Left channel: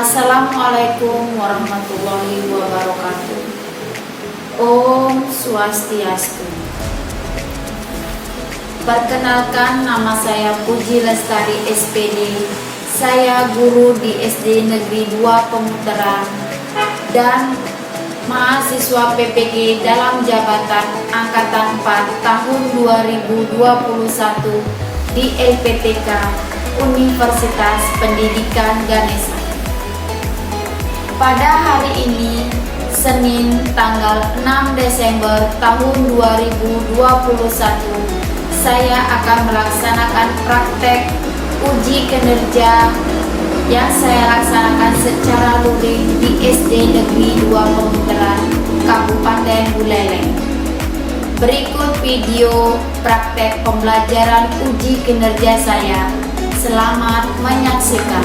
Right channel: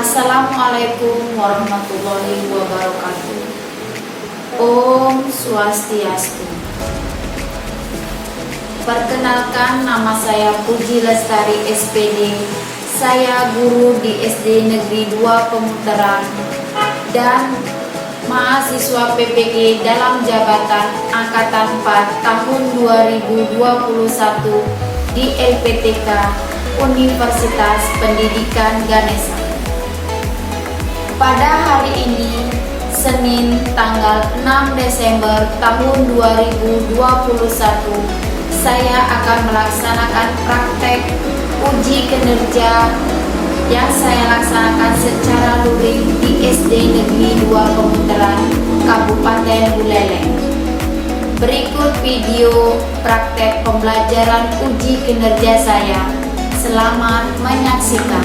Assalamualaikum warahmatullahi wabarakatuh. Om Swastiastu. Perkenalkan, nama saya Puji Lestari SPD. Saya guru di SD Negeri 2 Pemutaran dan mahasiswa PPG dalam jabatan Angkatan 4 tahun 2021 di LPTK Universitas Pendidikan Ganesha. Pada hari ini, Senin tanggal 6 Desember tahun 2021, saya akan melaksanakan praktek uji kinerja yang saya laksanakan secara luring di SD Negeri 2 Pemutaran, Kabupaten Buleleng. Berikut video praktek pembelajaran uji kinerja saya. Selamat menyaksikan.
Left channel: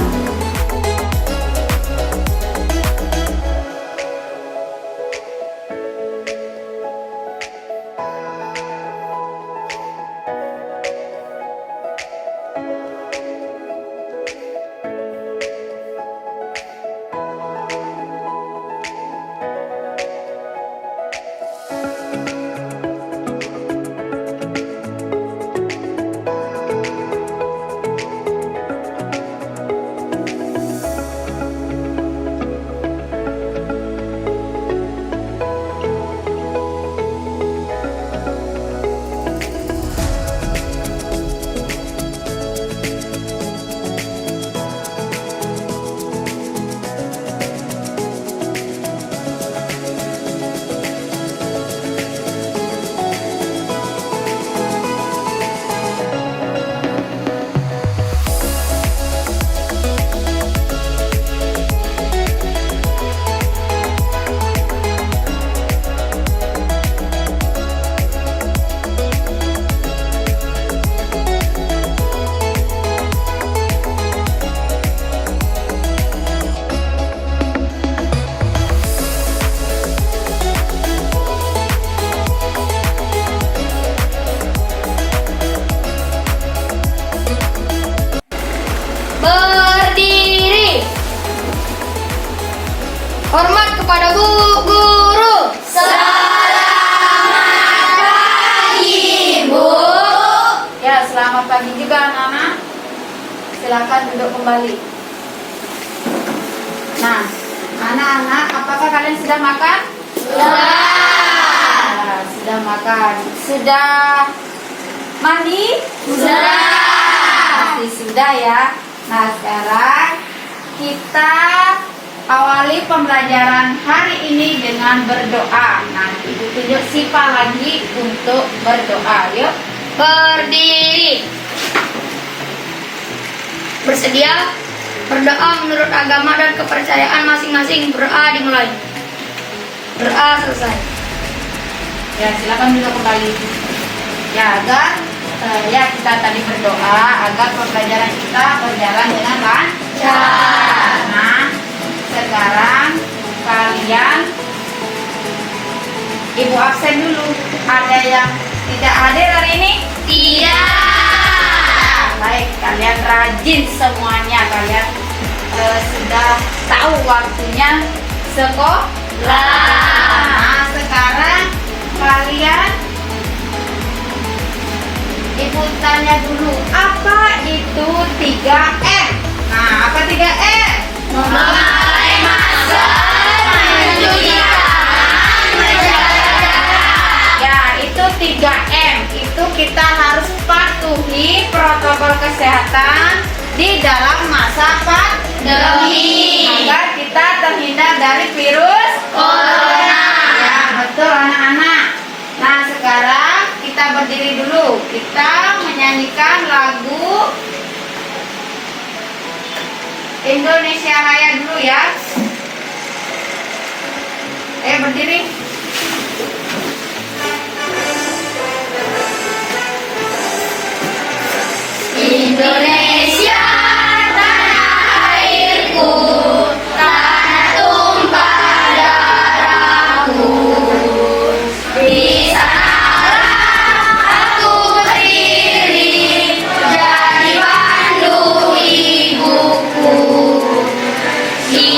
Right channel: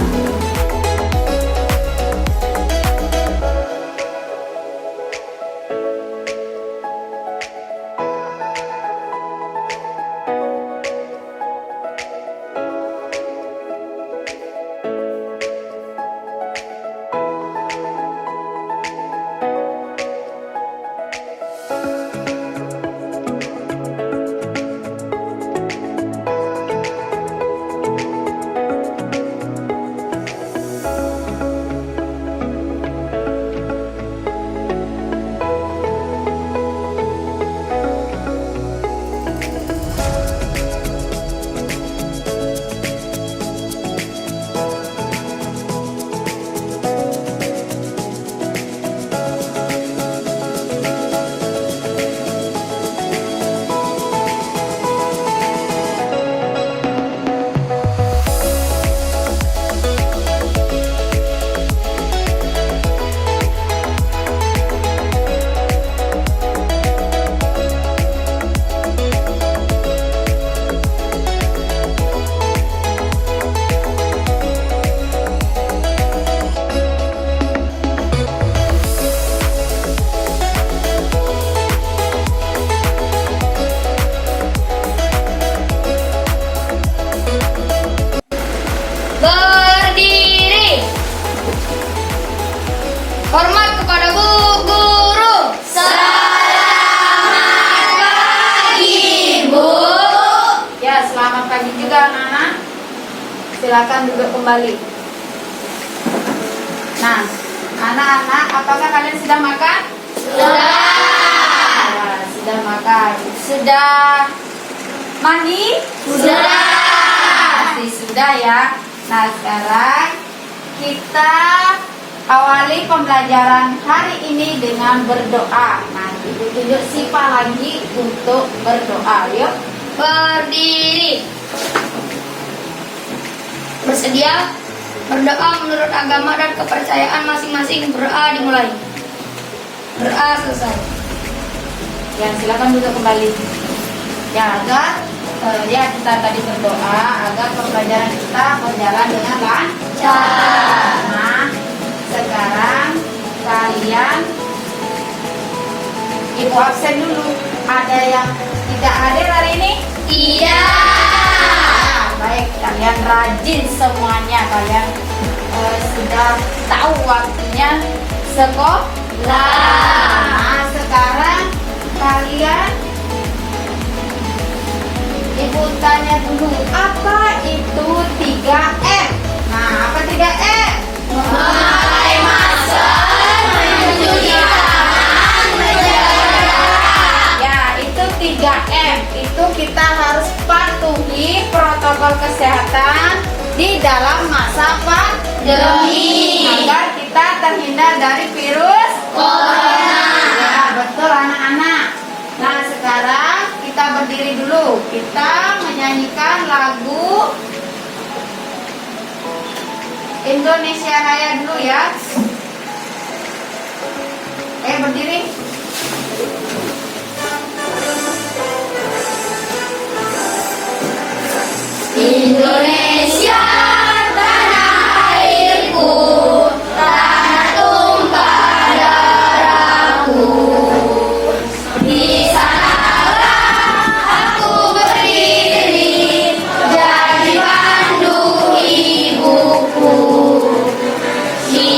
Berdiri. Hormat kepada Bu Guru. Selamat pagi, Bu. Ya, selamat pagi juga anak-anak. Silakan duduk kembali. Nah, anak-anak, apakah kalian sudah makan? Sudah. Nah, sudah makan. Sudah mandi? Sudah. Sudah ya. Nah, sekarang kita awali pembelajaran hari ini dengan berdoa. Nah, Ibu tunjuk Sipa lagi untuk berdoa. Yuk. Berdiri. Bersedia? Berdoa menurut agama dan kepercayaan masing-masing. Berdoa dimulai. Berdoa selesai. Ya, silakan duduk kembali. Ya, kita tadi berdoa agar pembelajaran kita berjalan dengan lancar. Nah, sekarang kalian Ibu absen dulu. Ada yang tidak hadir hari ini? Tidak. Baik, kalian rajin semuanya. Kalian sudah tahu waktunya sekolah. Nah, sekarang kalian Ibu tanya dulu, apa itu 3M? Nah, apa 3M? Memakai masker, mencuci tangan, menjaga. Ya, itu 3M. Itu kita harus patuhi protokol kesehatan di dalam masa pandemi agar kita terhindar dari virus Corona. Ya, betul anak-anak. Nah, sekarang kita berdiri dulu. Kita menyanyikan lagu Indonesia Raya dulu ya. Berdiri. Indonesia, tanah airku, tanah tumpah darahku. Di sanalah aku berdiri, jadi pandu ibuku. Di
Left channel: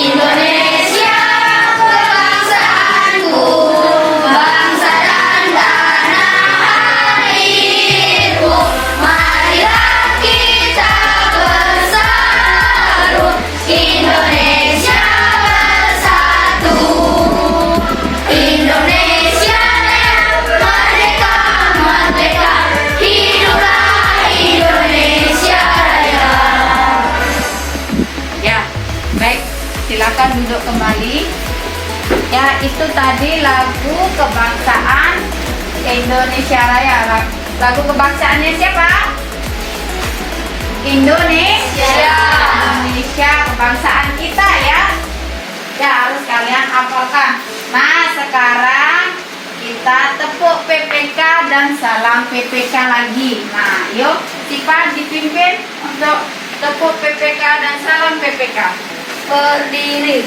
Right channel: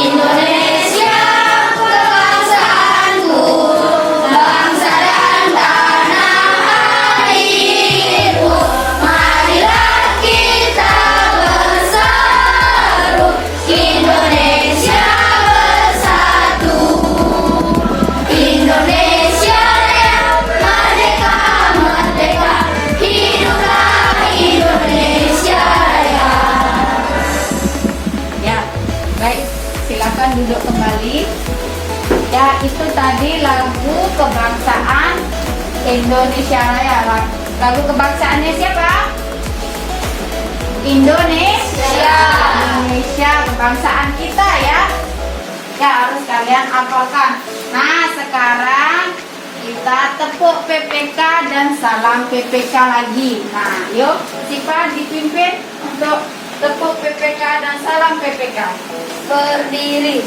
Ya, itu tadi lagu kebangsaan Indonesia Raya. Lagu kebangsaannya siapa? Indonesia. Indonesia, kebangsaan kita ya. Ya, harus kalian hafalkan. Nah, sekarang kita tepuk PPK dan salam PPK lagi. Nah, yuk Sipa dipimpin untuk tepuk PPK dan salam PPK. Berdiri.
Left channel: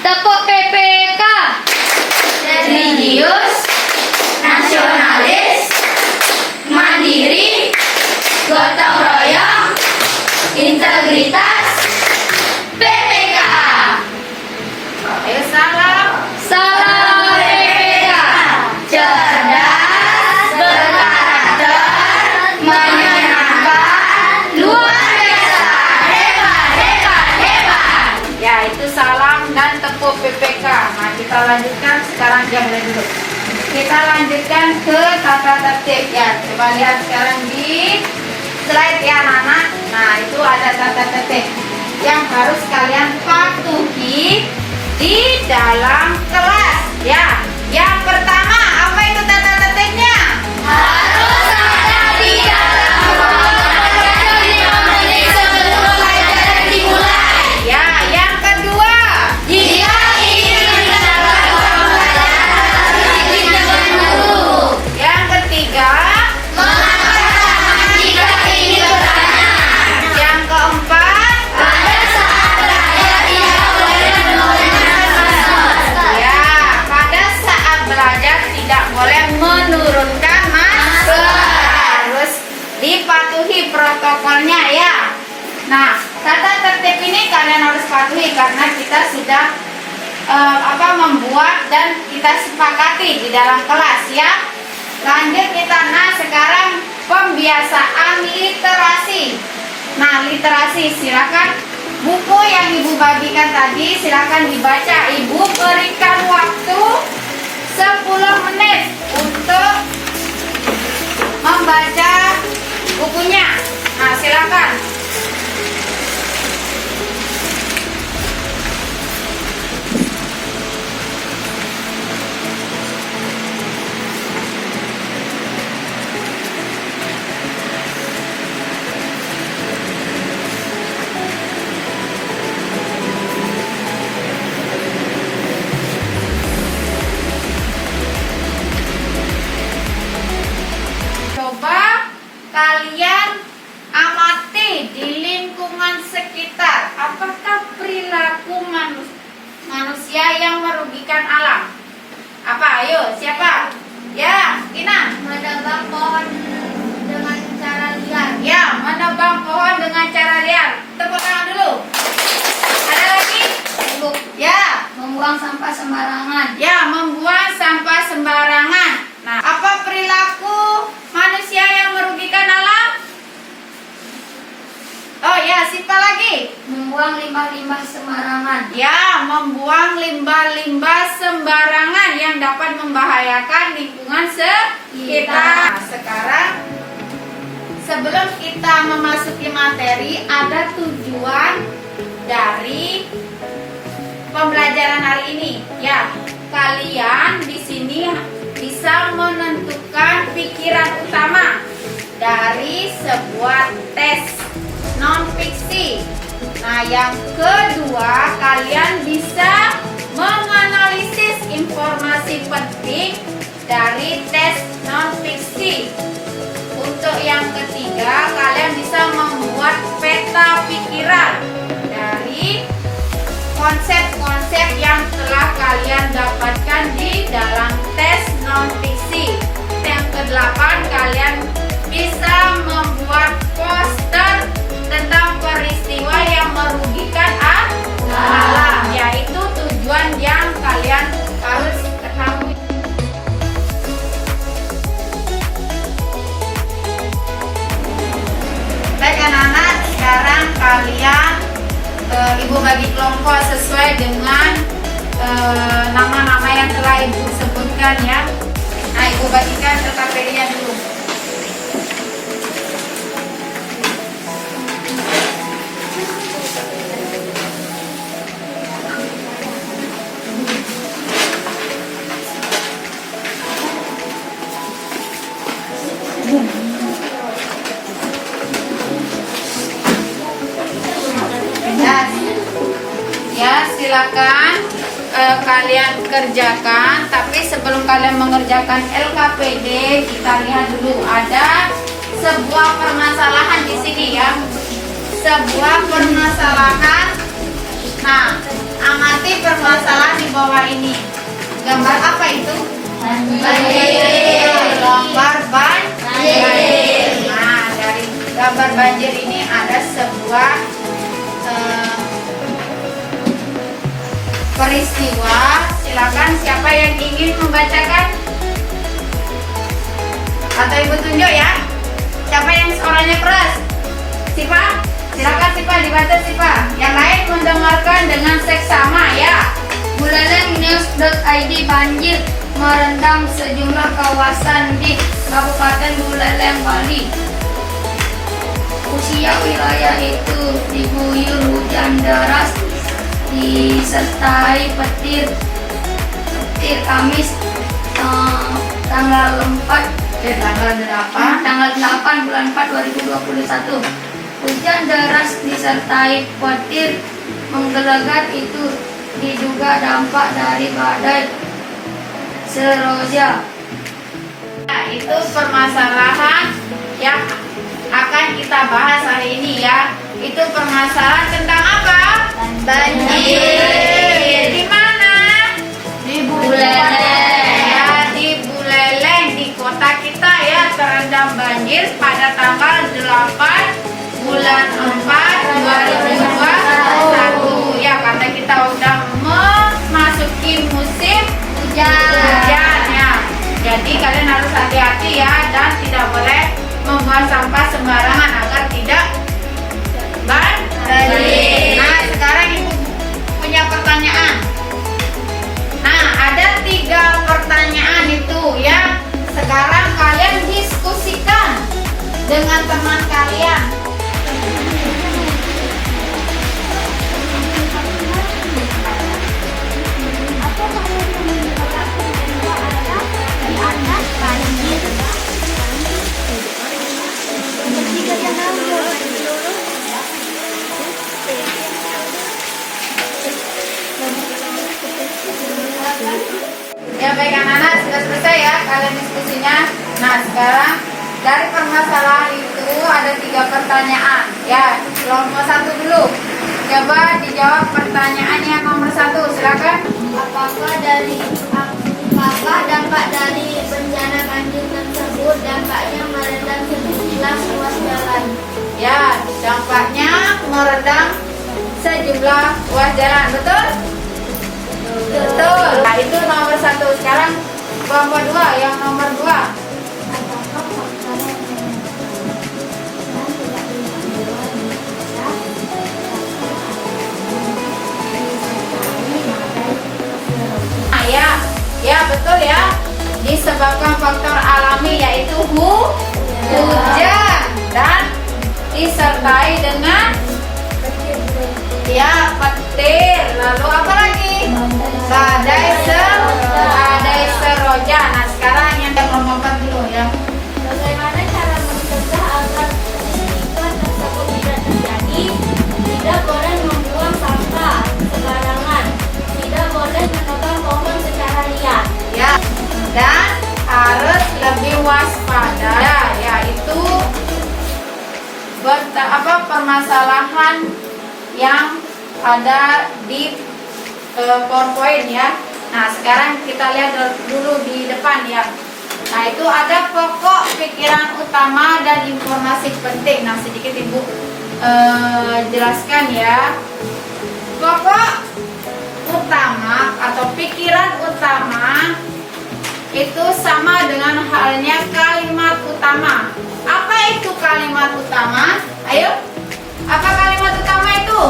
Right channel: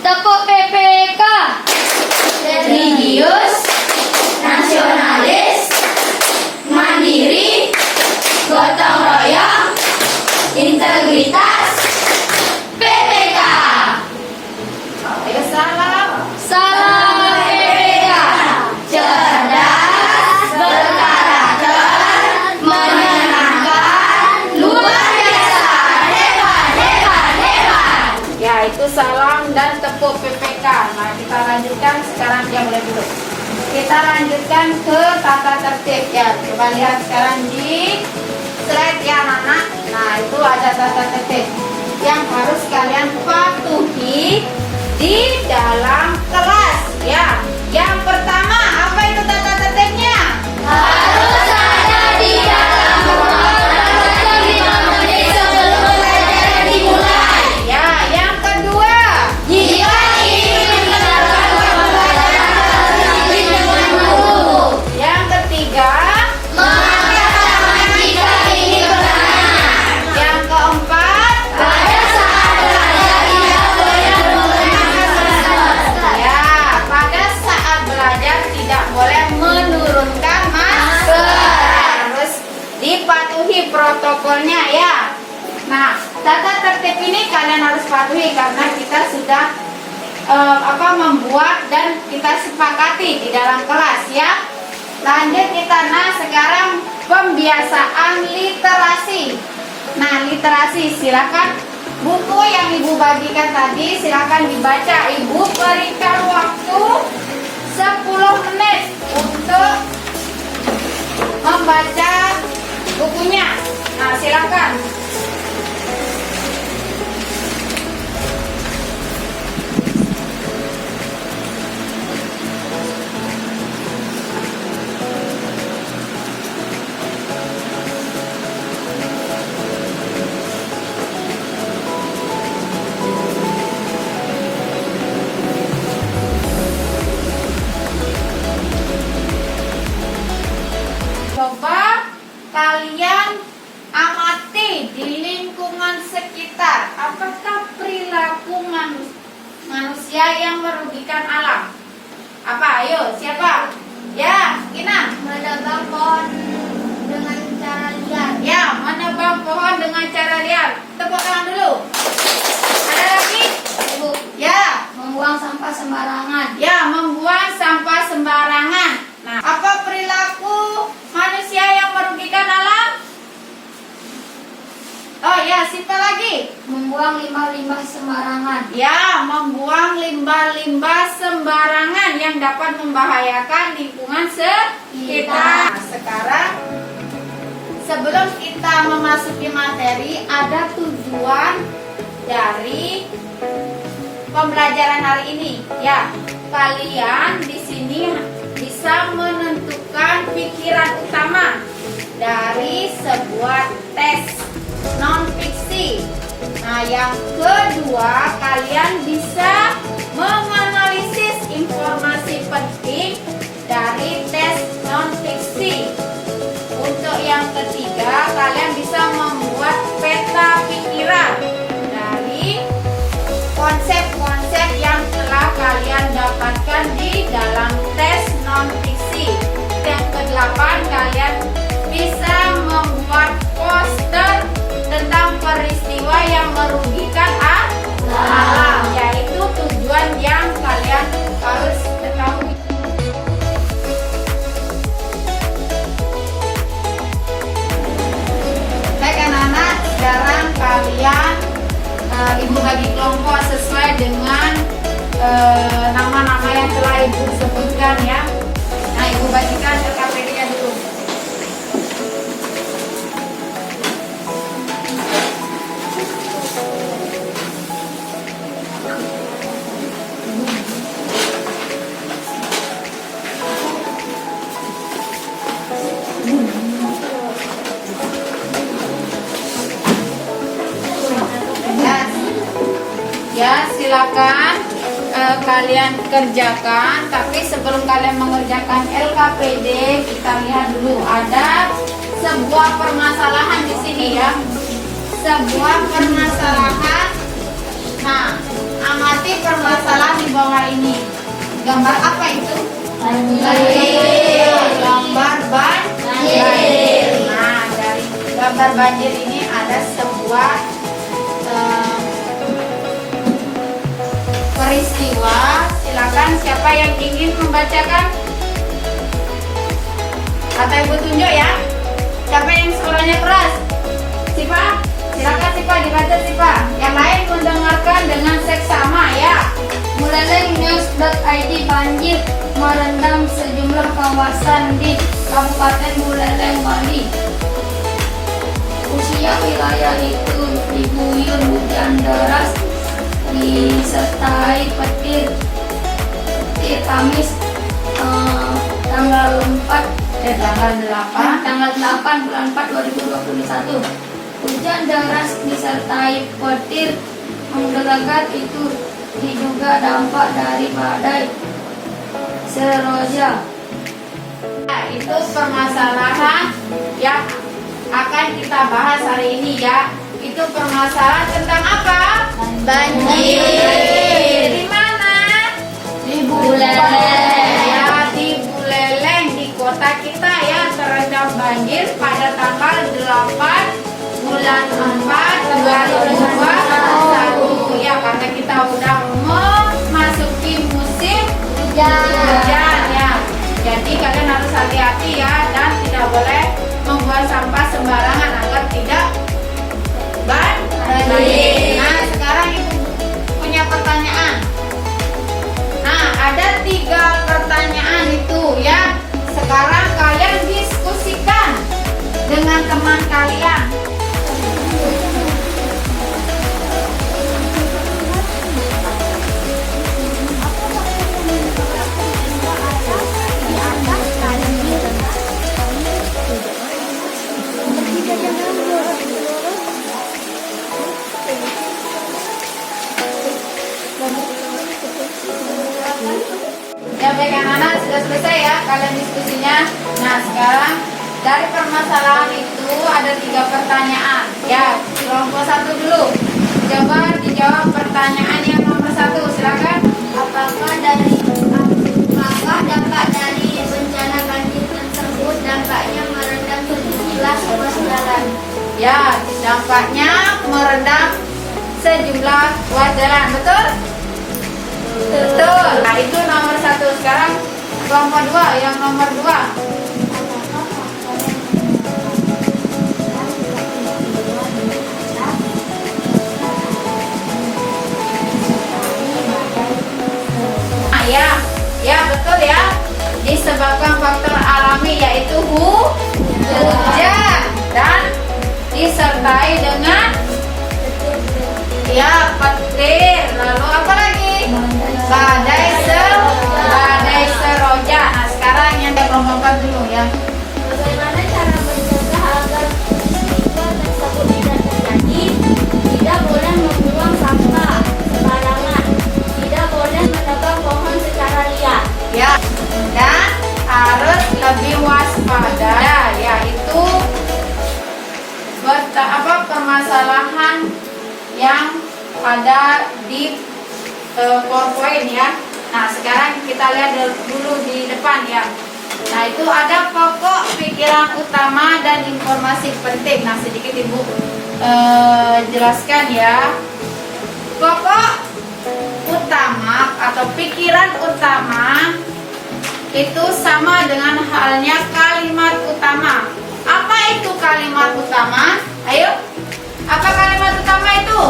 Tepuk PPK. Religius, nasionalis, mandiri, gotong royong, integritas, PPK. Ayo salam. Salam PPK. Cerdas, berkarakter, menyenangkan, luar biasa, hebat, hebat, hebat. Ya, itu salam dan tepuk PPK. Nah, kita lanjutkan sekarang diam dulu. Kita lanjutkan ke tata tertib ya. Coba lihat sekarang di slide ya anak-anak. Nah, itu ada tata tertib yang harus kalian patuhi di dalam kelas ya. Yang pertama, apa itu tata tertibnya? Harus ada di dalam ruangan 45 menit sebelum pelajaran dimulai. Ya, yang kedua. Jika ingin mendapatkan pelajaran tertib dengan guru. Yang ketiga. Mengangkat tangan jika ingin bertanya. Yang keempat. Pada saat belajar tidak boleh menurunkan masker. Ya, pada saat belajar tidak boleh menurunkan masker. Harus dipatuhi protokolnya ya. Nah, tata tertib ini kalian harus patuhi karena kita sudah membuat dan kita sepakati di dalam kelas ya. Lanjut kita, nah sekarang pembiasaan literasi. Nah, literasi silakan buku yang Ibu bagikan tadi silakan dibaca. Ibu berikan waktu 10 menit untuk membaca bukunya. Nah, silakan. Coba kalian amati di lingkungan sekitar. Apakah perilaku manusia yang merugikan alam? Apa? Ayo, siapa? Ya, Ina. Menebang pohon dengan cara liar. Ya, menebang pohon dengan cara liar. Tepuk tangan dulu. Ada lagi? Ibu, Ya. membuang sampah sembarangan. Ya, membuang sampah sembarangan. Nah, apa perilaku manusia yang merugikan alam? Oh ya, siapa lagi? Membuang limbah-limbah sembarangan. Ya, membuang limbah-limbah sembarangan yang dapat membahayakan lingkungan sekitar. Nah, sekarang sebelum kita memasuki materi, ada tujuan dari pembelajaran hari ini. Ya, kalian di sini bisa menentukan pikiran utama dari sebuah tes non-fiksi. Nah, yang kedua, kalian bisa menganalisis informasi penting dari tes non-fiksi. Untuk yang ketiga, kalian bisa membuat peta pikiran dari konsep-konsep yang telah kalian dapatkan di dalam tes non-fiksi. Yang kedelapan, kalian bisa membuat poster tentang peristiwa yang merugikan alam, yaitu tujuan yang kalian harus ketahui. Baik anak-anak, sekarang kalian Ibu bagi kelompok sesuai dengan nama-nama yang telah Ibu sebutkan ya. Nah, Ibu bagikan TKP-nya dulu. silakan kalian kerjakan. Tapi sebelum kalian mengerjakan LKPD, kita lihat dulu ada sebuah permasalahan di sini ya. Sebuah permasalahan. Nah, amati permasalahan di bawah ini. Gambar apa itu? Banjir. Gambar banjir. Nah, dari gambar banjir ini ada sebuah peristiwa. Silakan siapa yang ingin membacakan? Atau ibu tunjuk ya. Siapa yang suaranya keras? Sipa? Silakan Sipa, dibaca Sipa. Yang lain mendengarkan dengan seksama ya. Buleleng.news.id banjir merendam sejumlah kawasan di Kabupaten Buleleng, Bali. Usia wilayah itu diguyur hujan deras disertai petir Kamis tanggal 8 bulan 4 2021. Hujan deras disertai petir menggelegar itu diduga dampak dari badai Seroja. Nah, itu permasalahan yang akan kita bahas hari ini ya. Itu permasalahan tentang apa? Banjir. Di mana? Di Buleleng. Ya, di Buleleng, di kota kita ya, terendam banjir pada tanggal 8 bulan 4 2021 ya, karena kita udah memasuki musim hujan ya. Jadi kalian harus hati-hati ya, dan tidak boleh membuang sampah sembarangan agar tidak banjir. Nah, sekarang ibu punya pertanyaan. Nah, ada 3 pertanyaan itu ya. Sekarang kalian diskusikan dengan teman kalian. Ya baik anak-anak, sudah selesai ya kalian diskusinya. Nah, sekarang dari permasalahan itu ada 3 pertanyaan. Ya, kelompok 1 dulu. Coba dijawab pertanyaan yang nomor 1. Silakan. Apakah dampak dari bencana banjir tersebut dampaknya merendam sejumlah ruas jalan? Ya, dampaknya merendam sejumlah ruas jalan. Betul? Betul. Nah, itu nomor 1. Sekarang kelompok 2, yang nomor 2. Ya betul ya, disebabkan faktor alami yaitu hujan dan disertai dengan ya petir, lalu apa lagi? Badai Seroja. Nah, sekarang yang kelompok 4 dulu ya. Bagaimana cara mencegah agar peristiwa tersebut tidak terjadi? Tidak boleh membuang sampah sembarangan. Tidak boleh menebang pohon secara liar. Ya, dan harus lebih waspada. Yaitu permasalahan yang ada di PowerPoint ya. Nah, sekarang kita lihat dulu di depan ya. Nah, itu ada pokok pikiran utama dan informasi penting. Nah, sedikit Ibu jelaskan ya. Pokok utama atau pikiran utama itu sama dengan halnya kalimat utama. Apa itu kalimat utama? Ayo, apa kalimat utama itu?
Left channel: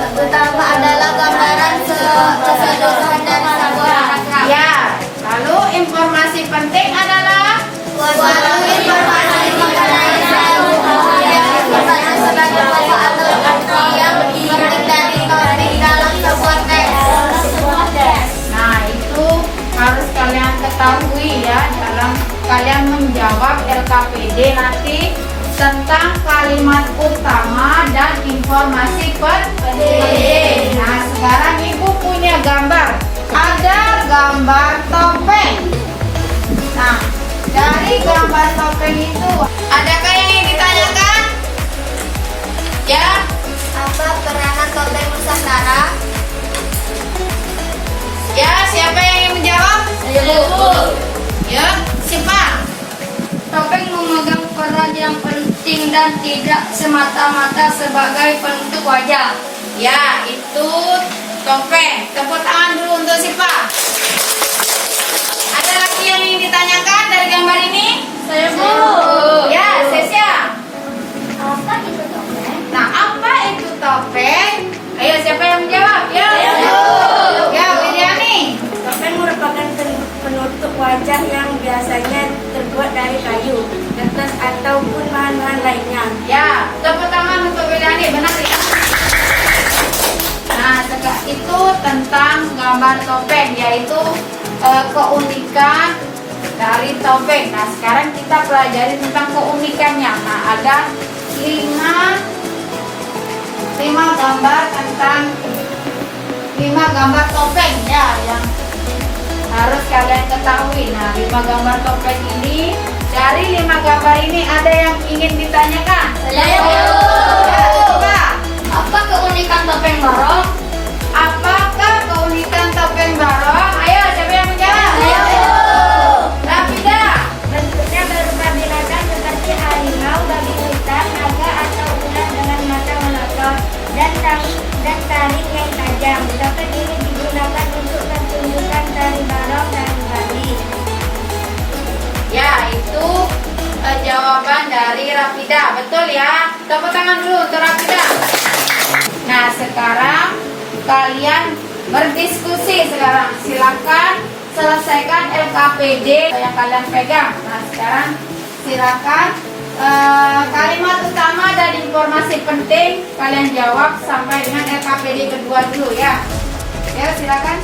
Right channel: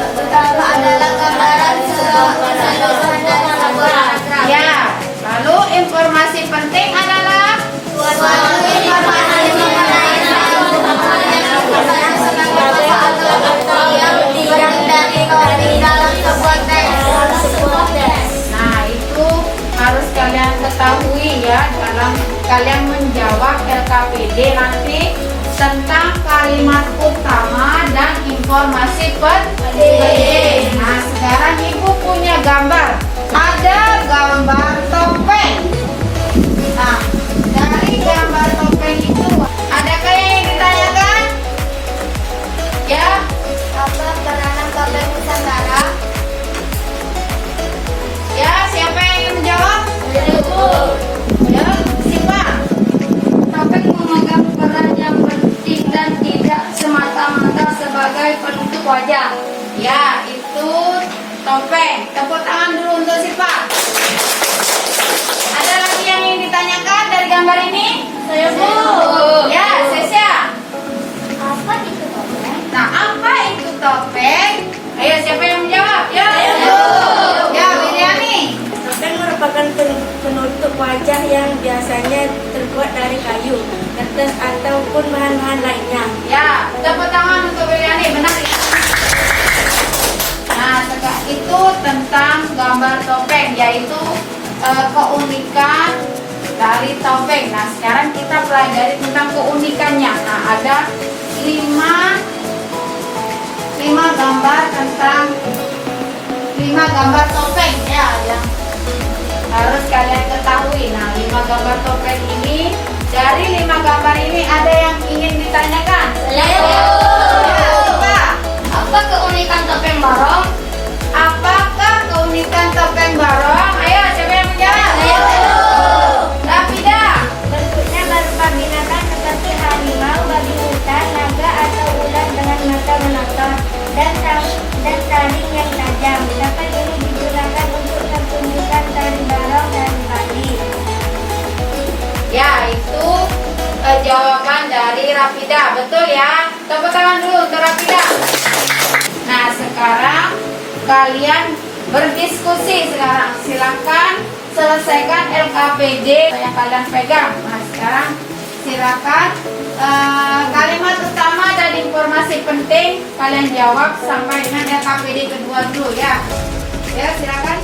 Pertama adalah gambaran keseluruhan dan kesabaran. Ya, lalu informasi penting adalah Suatu informasi mengenai satu hal yang merupakan sebagai atau arti yang berdiri dalam sebuah teks. Nah, itu harus kalian ketahui ya dalam kalian menjawab LKPD nanti tentang kalimat utama dan informasi penting. Nah, sekarang ibu punya gambar. Ada gambar topeng. Nah, dari gambar topeng itu, adakah yang ingin ditanyakan? Ya, Apa peranan topeng Nusantara? ya, siapa yang ingin menjawab? Ya, Sipa. Topeng memegang peran yang penting dan tidak semata-mata sebagai penutup wajah. Ya, itu topeng. Tepuk tangan dulu untuk Sipa. Ada lagi yang ingin ditanyakan dari gambar ini? Saya Bu. Ya, Sesia. Apa itu topeng? Nah, apa itu topeng? Ayo, siapa yang menjawab? Ya, Ayo. Ya, Wiryani. Topeng merupakan penutup wajah yang biasanya terbuat dari kayu, kertas ataupun bahan-bahan lainnya. Ya, tepuk tangan untuk Wiryani. Benar. Nah, itu tentang gambar topeng, yaitu keunikan dari topeng. Nah, sekarang kita pelajari tentang keunikannya. Nah, ada 5 gambar tentang 5 gambar topeng ya yang harus kalian ketahui. Nah, 5 gambar topeng ini, dari 5 gambar ini ada yang ingin ditanyakan? Ayo. Ya, coba. Apa keunikan topeng barong? Apakah keunikan topeng barong? Ayo, siapa yang menjawab? Ayo. Rafida. Bentuknya berupa binatang seperti harimau, babi hutan, naga atau ular dengan mata menatap dan taring yang tajam. Topeng ini digunakan untuk pertunjukan tari barong dan Bali. Ya, itu jawaban dari Rafida. Betul ya? Tepuk tangan dulu untuk Rafida. Nah, sekarang kalian berdiskusi sekarang. Silakan selesaikan LKPD yang kalian pegang. Nah, sekarang silakan kalimat utama dan informasi penting kalian jawab sampai dengan LKPD kedua dulu ya. Ya, silakan.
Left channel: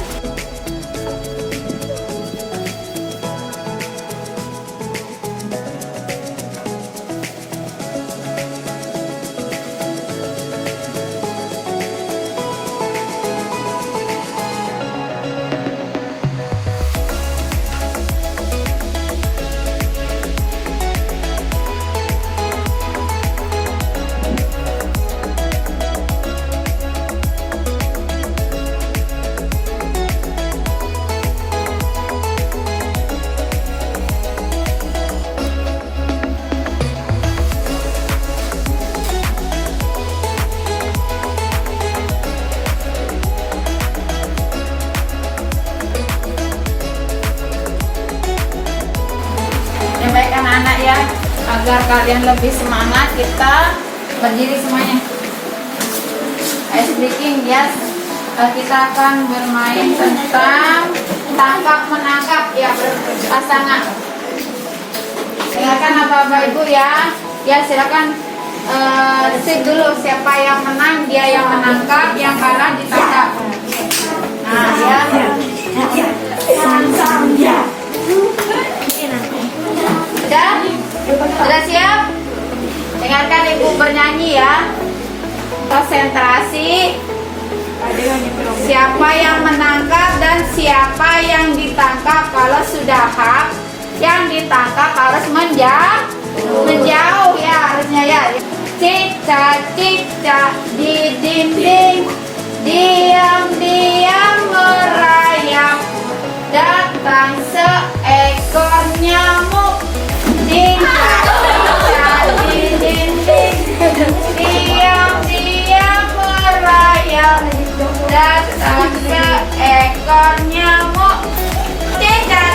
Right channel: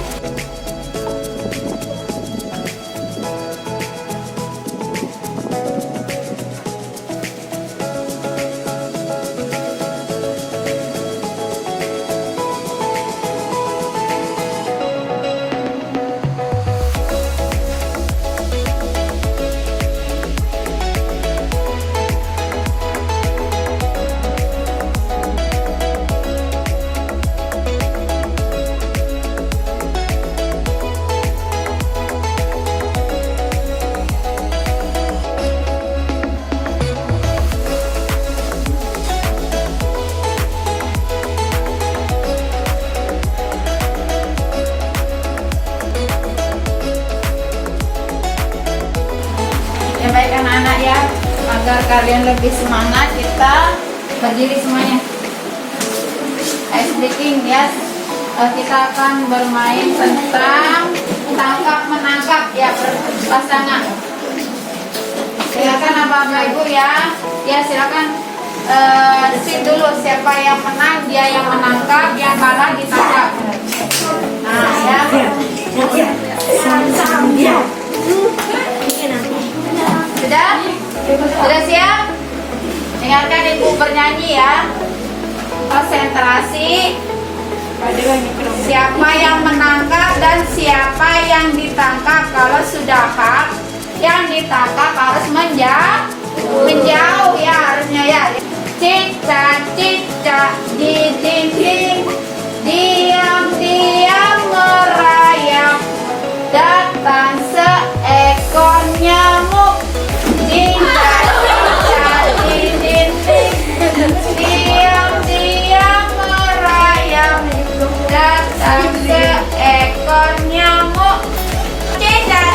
Ya baik anak-anak ya, agar kalian lebih semangat, kita berdiri semuanya. Ice breaking ya, kita akan bermain tentang tangkap menangkap ya, berpasangan. Silakan Bapak Ibu ya, silakan sit dulu, siapa yang menang dia yang menangkap, yang kalah ditangkap. Nah ya. Sudah siap? Dengarkan ibu bernyanyi ya. Konsentrasi. Siapa yang menangkap dan siapa yang ditangkap. Kalau sudah hak, yang ditangkap harus menjauh ya, harusnya ya. Cicak di dinding, diam-diam merayap, datang seekor nyamuk. Cicak di dinding, diam-diam merayap, datang seekor nyamuk. Cicak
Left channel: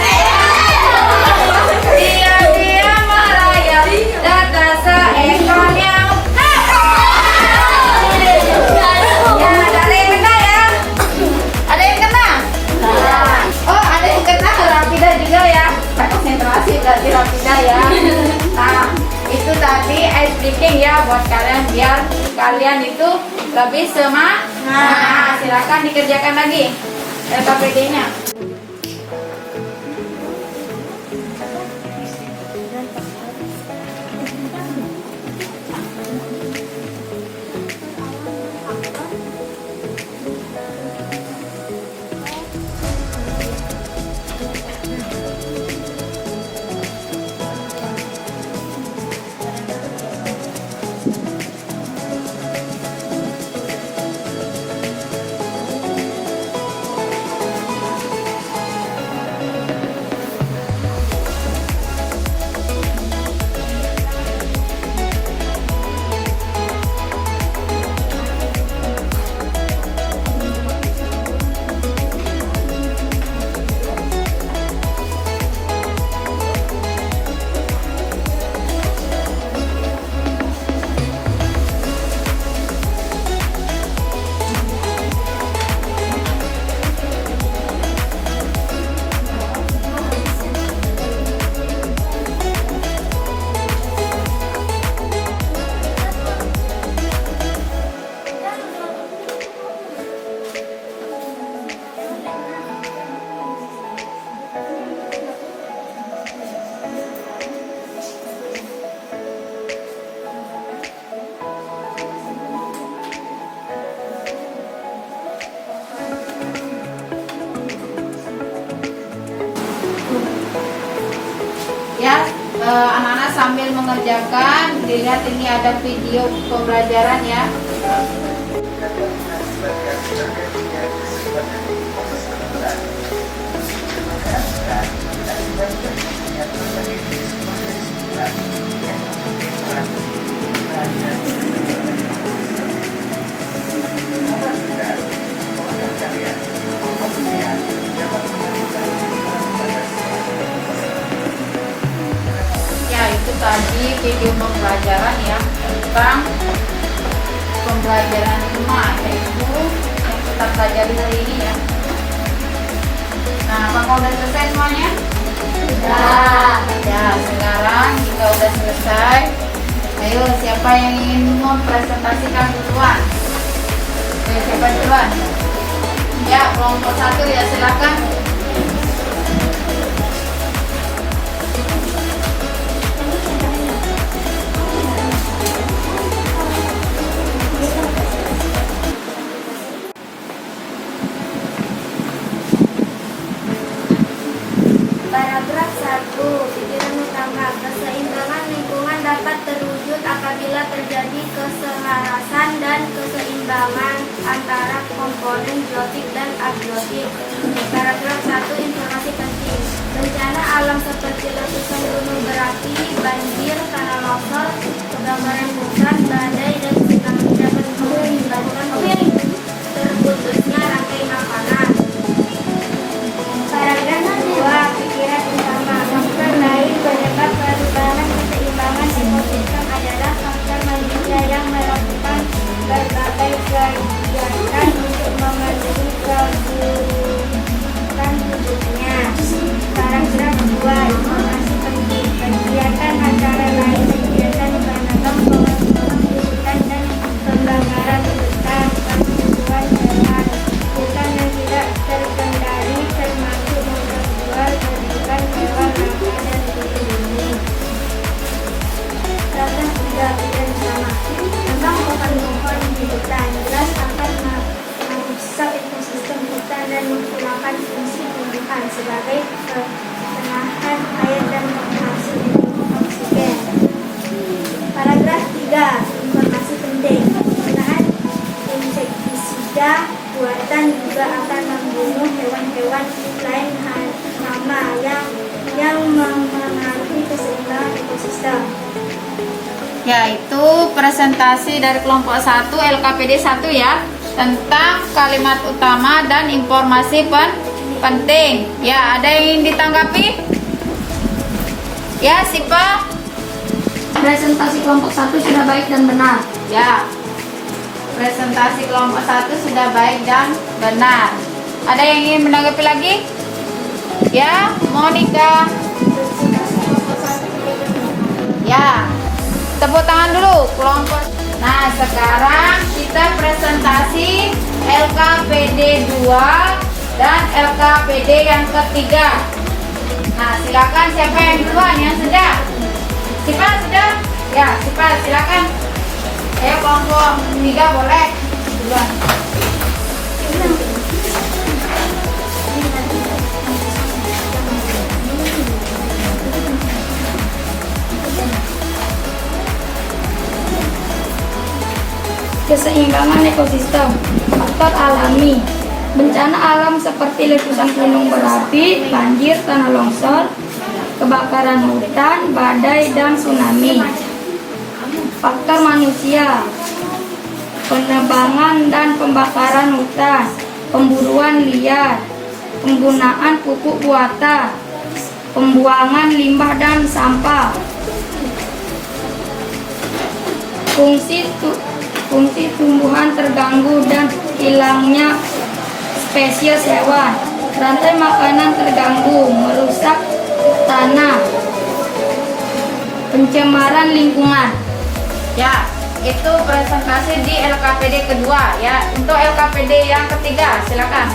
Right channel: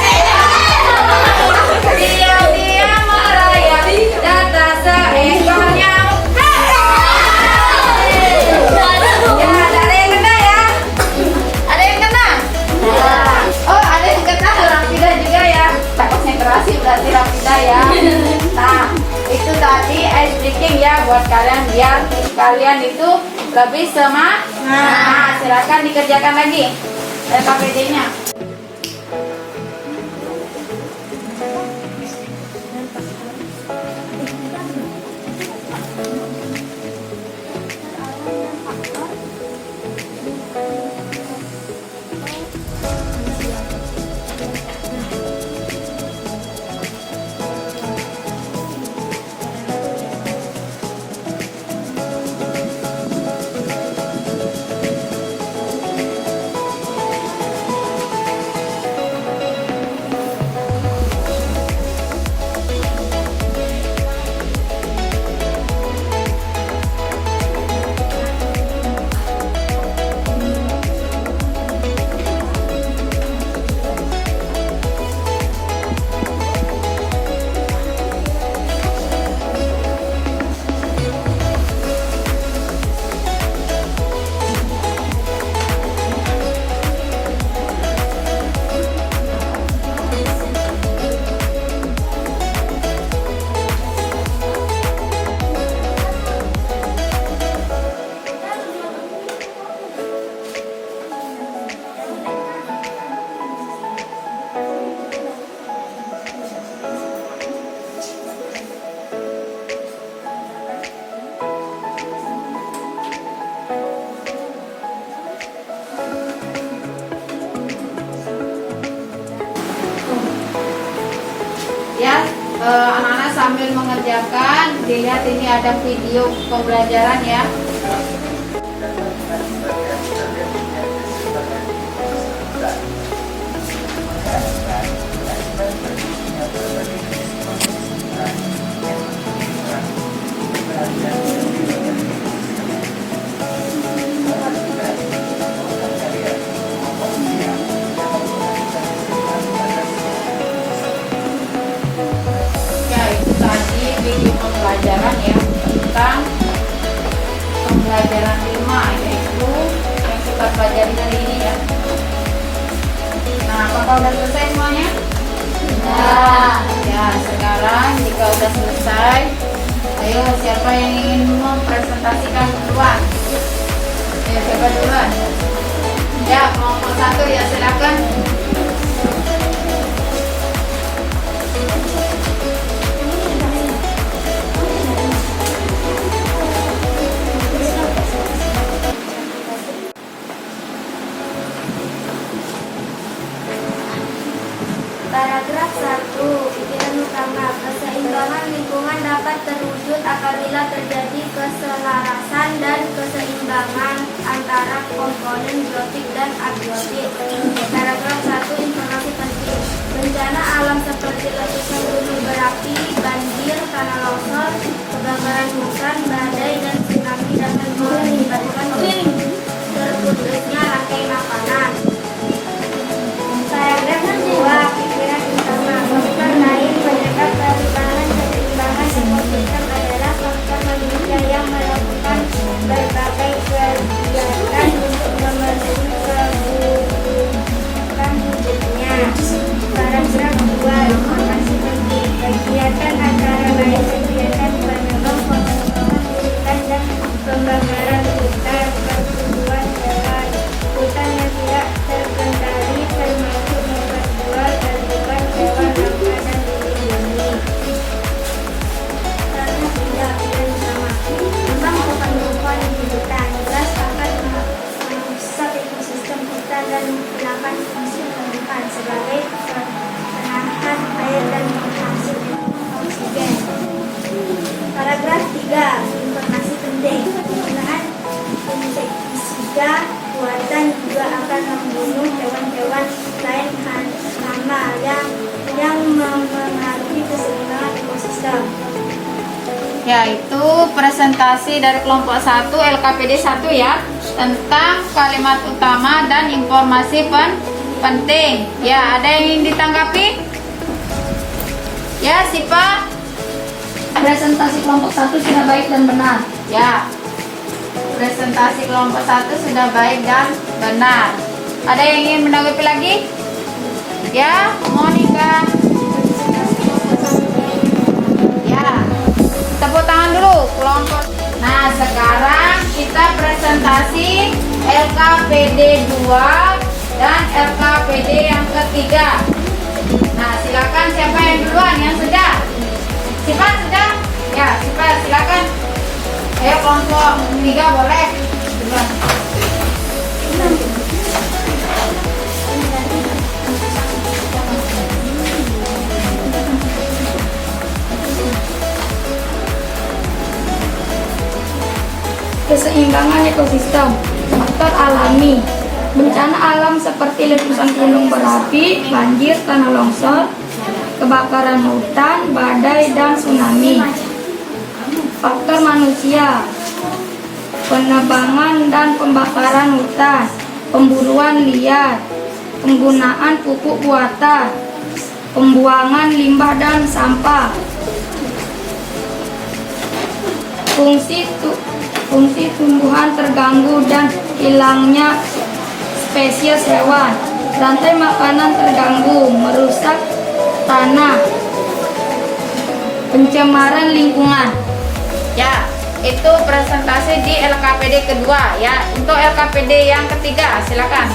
diam-diam merayap, datang seekor nyamuk. Ya, ada yang kena ya? Ada yang kena? Oh, ada yang kena tuh Rafida juga ya. Konsentrasi berarti Rafida ya. Nah, itu tadi ice breaking ya buat kalian biar kalian itu lebih semangat. Nah, silakan dikerjakan lagi LKPD-nya. sambil mengerjakan, dilihat ini ada video pembelajaran ya. Ya, itu tadi video pembelajaran ya tentang pembelajaran 5, yaitu yang kita pelajari hari ini ya. Nah, apakah udah selesai semuanya? Ya, sekarang jika udah selesai, ayo siapa yang ingin mempresentasikan duluan? Ayo, siapa duluan? Ya, kelompok 1 ya, silakan. Paragraf 1. Pikiran utama. Keseimbangan lingkungan dapat terwujud apabila terjadi keselarasan dan keseimbangan antara komponen biotik dan abiotik. Paragraf 1. Informasi penting. Bencana alam seperti letusan gunung berapi, banjir, tanah longsor, kebakaran hutan, badai, dan tsunami dapat mengakibatkan terputusnya rantai makanan. Paragraf 2. Pikiran utama. Faktor lain penyebab perubahan keseimbangan ekosistem adalah faktor manusia yang melakukan berbagai kegiatan untuk memenuhi kebutuhan hidupnya. Paragraf 2. Informasi penting. Kegiatan antara lain kegiatan penebang pohon-pohon di hutan dan pembakaran hutan, perburuan hewan, hutan yang tidak terkendali termasuk memperjual belikan hewan langka dan dilindungi. Paragraf 3. Pikiran utama. Tentang pohon-pohon di hutan jelas akan merusak ekosistem hutan dan menggunakan fungsi tumbuhan sebagai penahan air dan penghasil oksigen. Paragraf 3. Informasi penting. Penggunaan insektisida buatan juga akan membunuh hewan-hewan lain hama yang memengaruhi keseimbangan ekosistem. Yaitu presentasi dari kelompok 1 LKPD 1 ya, tentang kalimat utama dan informasi penting. Ya, ada yang ingin ditanggapi? Ya, Sipa. Presentasi kelompok 1 sudah baik dan benar. Ya, presentasi kelompok 1 sudah baik dan benar. Ada yang ingin menanggapi lagi? Ya, Monica. Ya, tepuk tangan dulu kelompok. Nah, sekarang kita presentasi LKPD 2 dan LKPD yang ketiga. Nah, silakan siapa yang duluan yang sudah? Siapa sudah? Ya, Siapa silakan. Ayo kelompok 3 boleh duluan. Keseimbangan ekosistem. Faktor alami. Bencana alam seperti letusan gunung berapi, banjir, tanah longsor, kebakaran hutan, badai, dan tsunami. Faktor manusia. Penebangan dan pembakaran hutan, pemburuan liar, penggunaan pupuk buatan, pembuangan limbah dan sampah. Fungsi tumbuhan terganggu dan hilangnya spesies hewan. Rantai makanan terganggu, merusak tanah, pencemaran lingkungan. Ya, itu presentasi di LKPD kedua ya. Untuk LKPD yang ketiga silakan.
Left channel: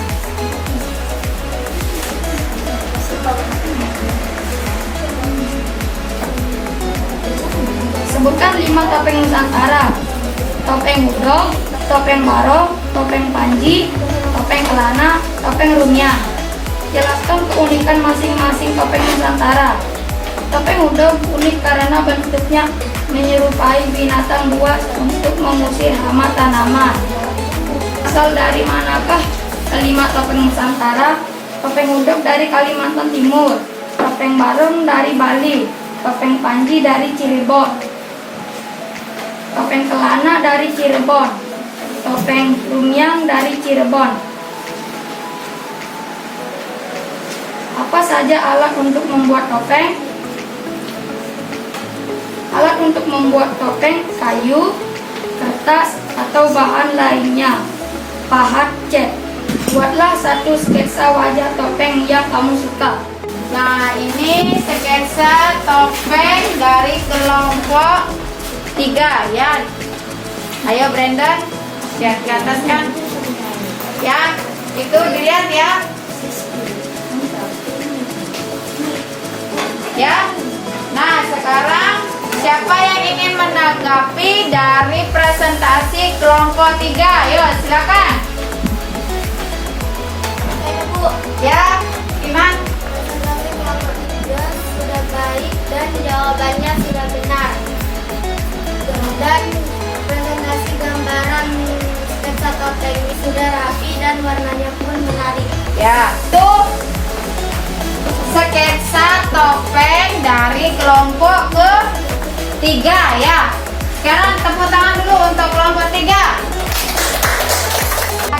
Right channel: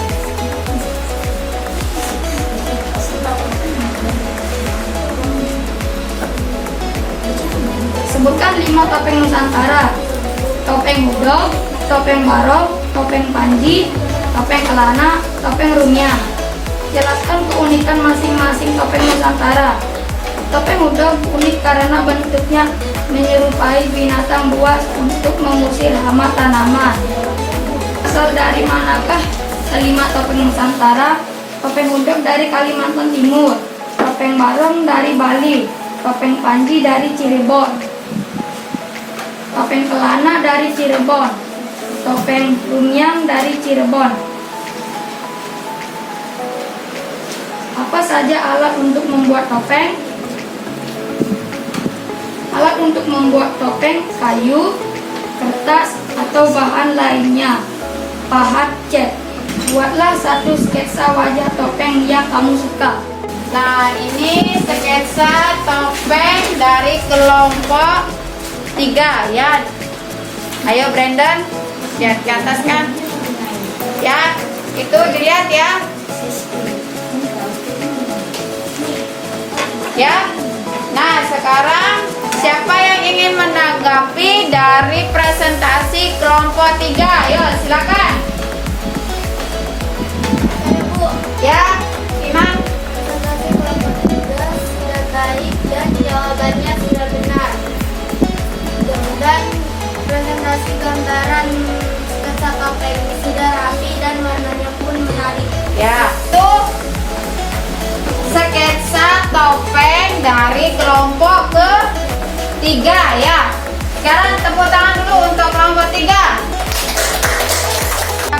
Sebutkan 5 topeng Nusantara. Topeng Hudok, topeng Barong, topeng Panji, topeng Kelana, topeng Rumia. Jelaskan keunikan masing-masing topeng Nusantara. Topeng udog unik karena bentuknya menyerupai binatang buas untuk mengusir hama tanaman. Asal dari manakah kelima topeng Nusantara? Topeng udog dari Kalimantan Timur, topeng barong dari Bali, topeng panji dari Cirebon, topeng kelana dari Cirebon, topeng lumiang dari Cirebon. Apa saja alat untuk membuat topeng? Alat untuk membuat topeng: kayu, kertas, atau bahan lainnya. Pahat cat. Buatlah satu sketsa wajah topeng yang kamu suka. Nah, ini sketsa topeng dari kelompok 3 ya. Ayo Brandon, lihat ke atasnya. Ya, itu dilihat ya. Ya. Nah, sekarang siapa yang ingin menanggapi dari presentasi kelompok 3? Ayo, silakan. Bu, Ya, Iman. presentasi kelompok 3 sudah baik dan jawabannya sudah benar. Dan presentasi gambaran sketsa topeng ini sudah rapi dan warnanya pun menarik. Ya, tuh sketsa topeng dari kelompok ke-3 ya. Sekarang tepuk tangan dulu untuk kelompok 3.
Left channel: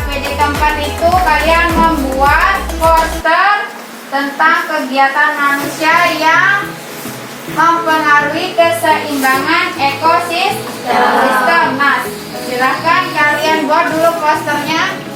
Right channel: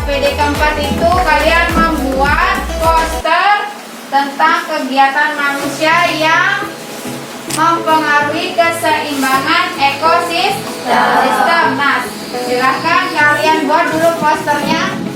PD keempat itu kalian membuat poster tentang kegiatan manusia yang mempengaruhi keseimbangan ekosistem. Nah, silahkan kalian buat dulu posternya.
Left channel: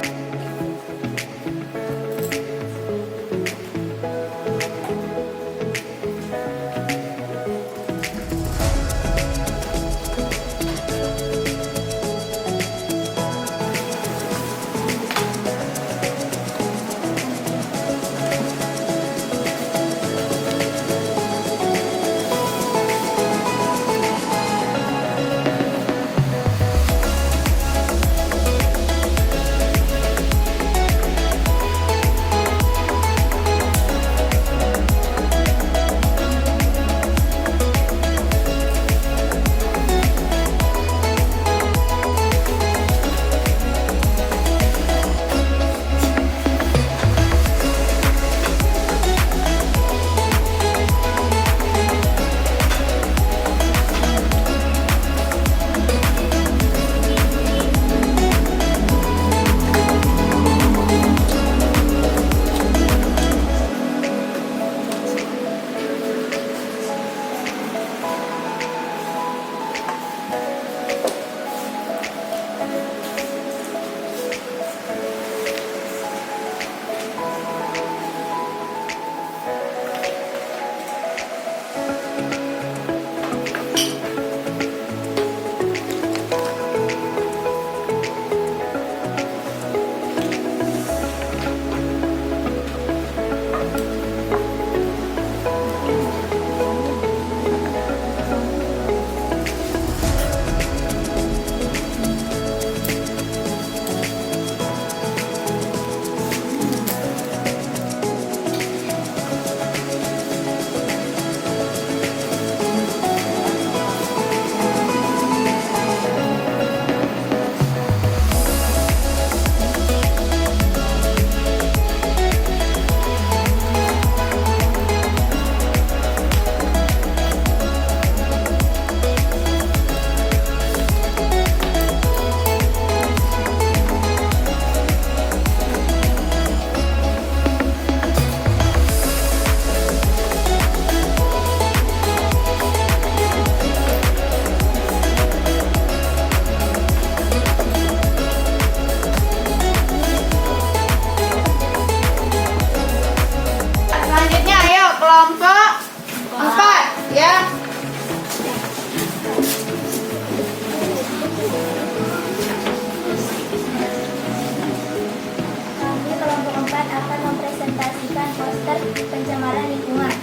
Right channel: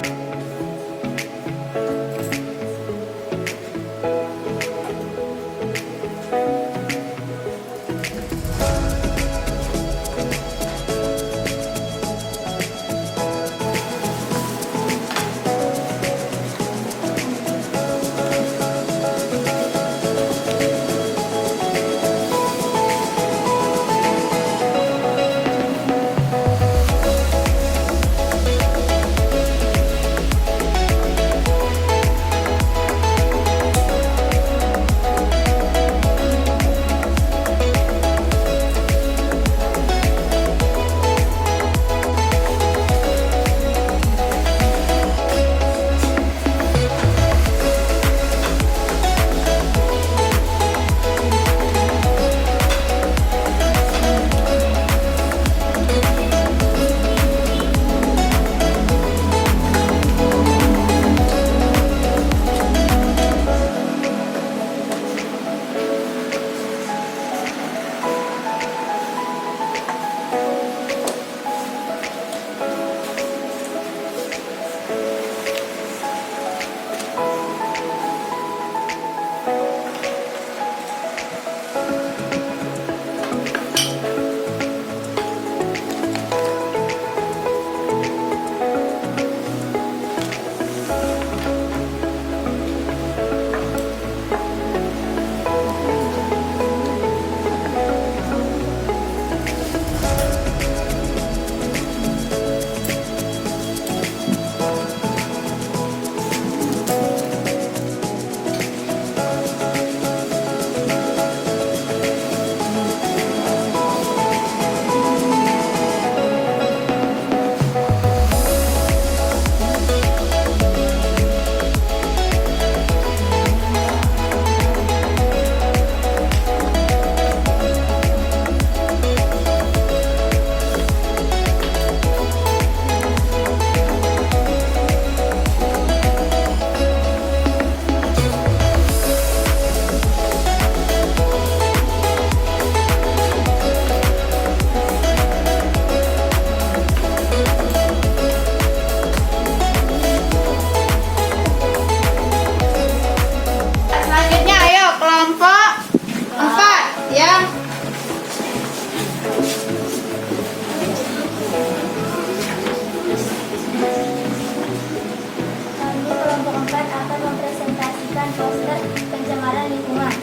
mempresentasikan poster pencemaran lingkungan.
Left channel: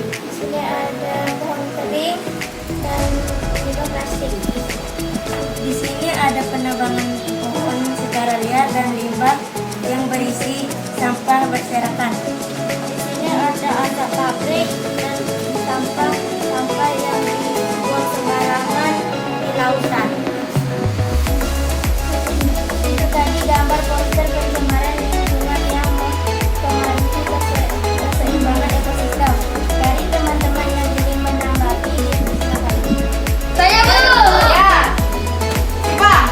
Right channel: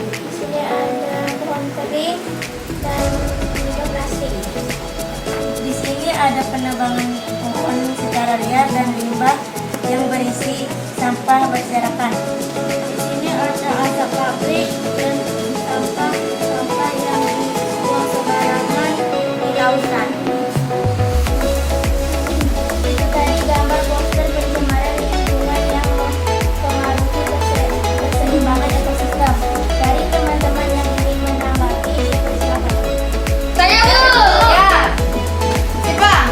Di sini ada pohon kering dan juga plastik. Di sini ada penebangan pohon secara liar dan limbah yang berisi sampah berserakan. Di sini ada asap pabrik dan sampah-sampah yang dibuang sembarangan di lautan. Itu tadi gambar poster pencemaran lingkungan yang mempengaruhi keseimbangan ekosistem. Dari teman-teman yang ingin menanggapi, silakan. Saya dulu. Ya. Sika.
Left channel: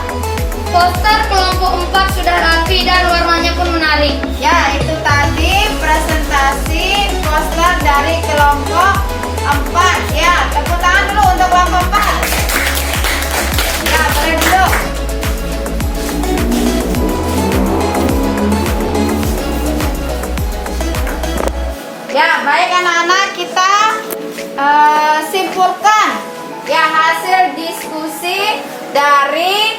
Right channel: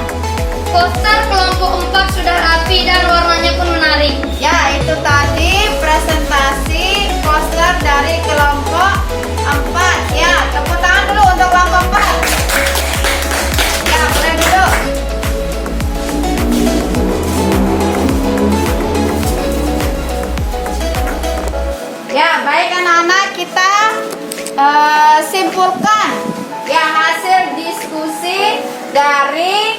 Poster kelompok 4 sudah rapi dan warnanya pun menarik. Ya, itu tadi presentasi poster dari kelompok 4. Ya, tepuk tangan dulu untuk kelompok 4. Ya, boleh dulu. Ya, baik anak-anak, kita simpulkan ya hasil diskusi dari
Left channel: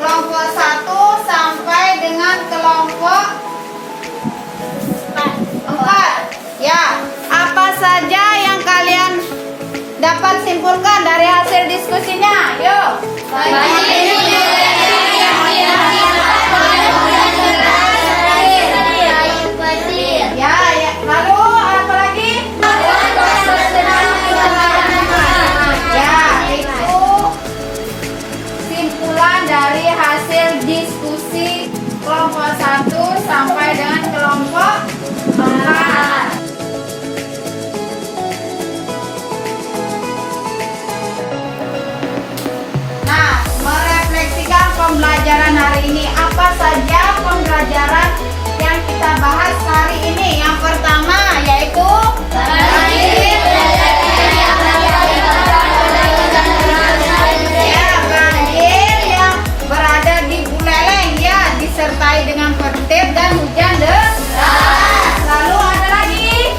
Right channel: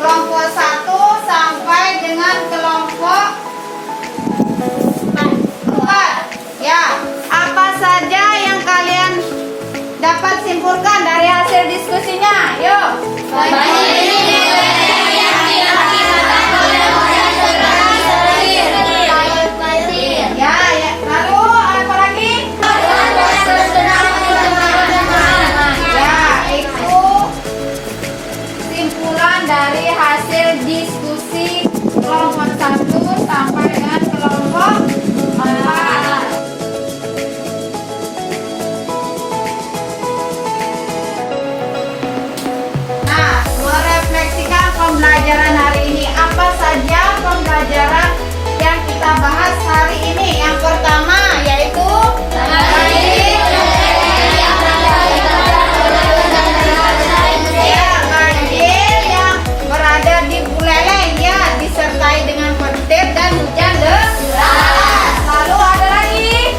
kelompok 1 sampai dengan kelompok 4. Ya, apa saja yang kalian dapat simpulkan dari hasil diskusinya? Yuk. Ya, ya. Lalu apa lagi? Ya, itu simpulan dari hasil diskusi kelompok 1 sampai dengan kelompok 4. Nah, merefleksikan pembelajaran hari ini. Apa saja pembelajaran yang kita bahas hari ini? Yang pertama yaitu banjir yang berada di Buleleng ya, disertai dengan petir dan hujan deras. Lalu ada lagi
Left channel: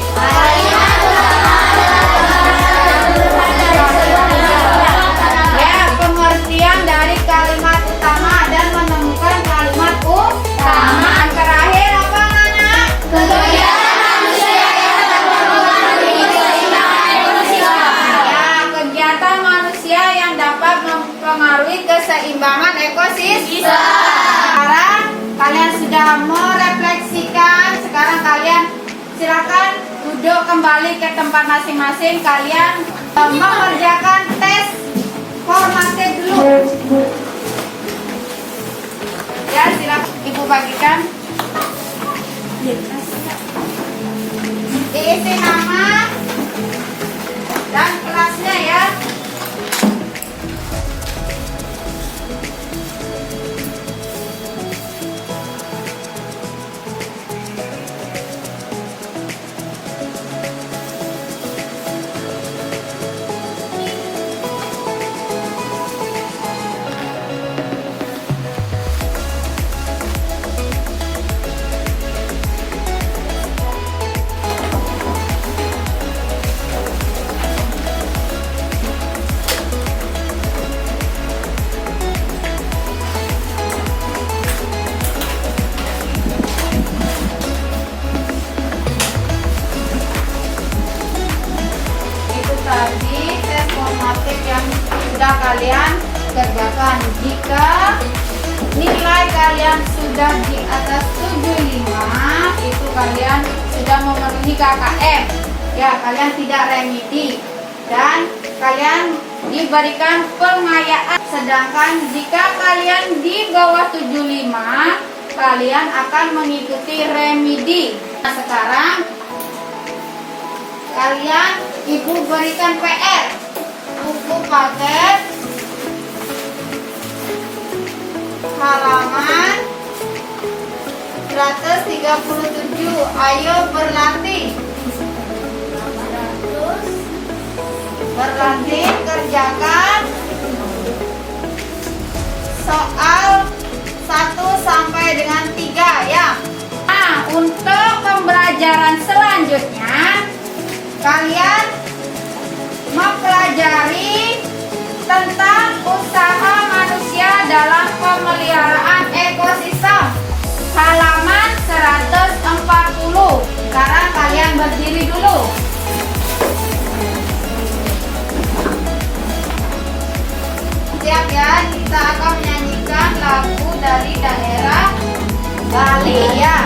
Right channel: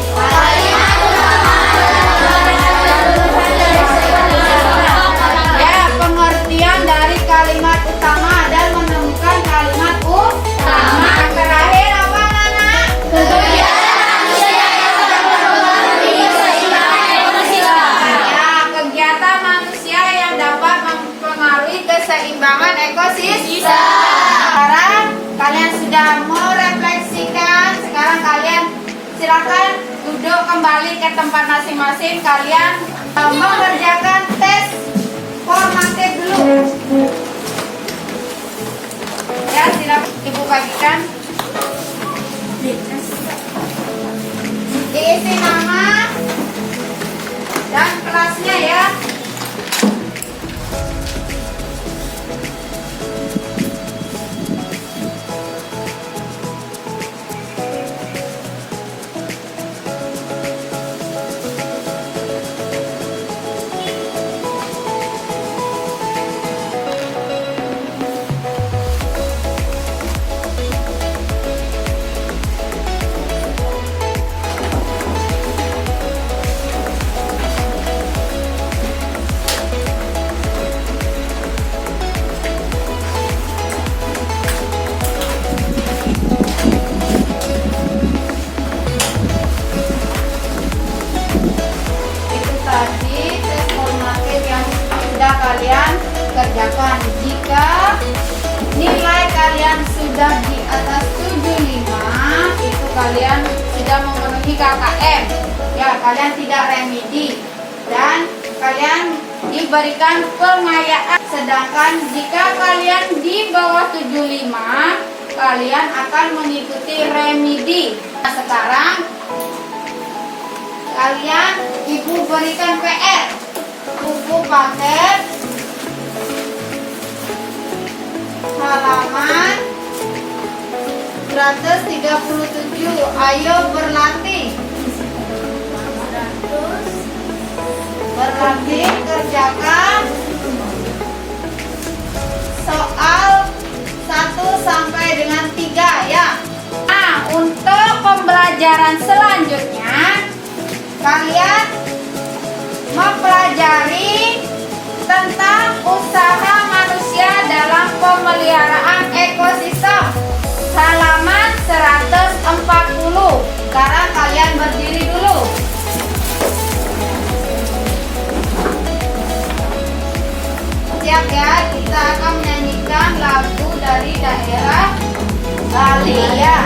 ya, pengertian dari kalimat utama dan menemukan kalimat utama. Yang terakhir apa, Nana? Ya, kegiatan manusia yang dapat mempengaruhi keseimbangan ekosistem. Sekarang kalian sudah merefleksikan. Sekarang kalian silakan duduk kembali ke tempat masing-masing. Kalian mengerjakan tes formatif dulu. Ya, silakan Ibu bagikan. Diisi nama dan kelasnya ya. Itu tadi tes formatif yang sudah kalian kerjakan. Jika nilai kalian sudah di atas 75, itu kalian sudah memenuhi KKM. Ya, kalian tidak remedi dan kalian diberikan pengayaan. Sedangkan jika kalian di bawah 75, kalian akan mengikuti remedi. Nah, sekarang kalian Ibu berikan PR. Buku paket halaman 137. Ayo berlatih. Berlatih kerjakan soal 1 sampai dengan 3 ya. Nah, untuk pembelajaran selanjutnya kalian mempelajari tentang usaha manusia dalam pemeliharaan ekosistem. Halaman 140. Sekarang kalian berdiri dulu. Siap ya, kita akan menyanyikan lagu dari daerah Bali ya.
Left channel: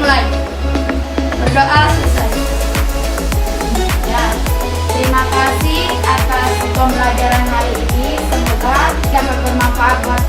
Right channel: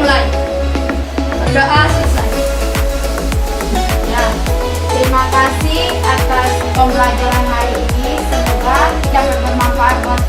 mulai. Berdoa selesai. Ya, terima kasih atas pembelajaran hari ini. Semoga dapat bermanfaat buat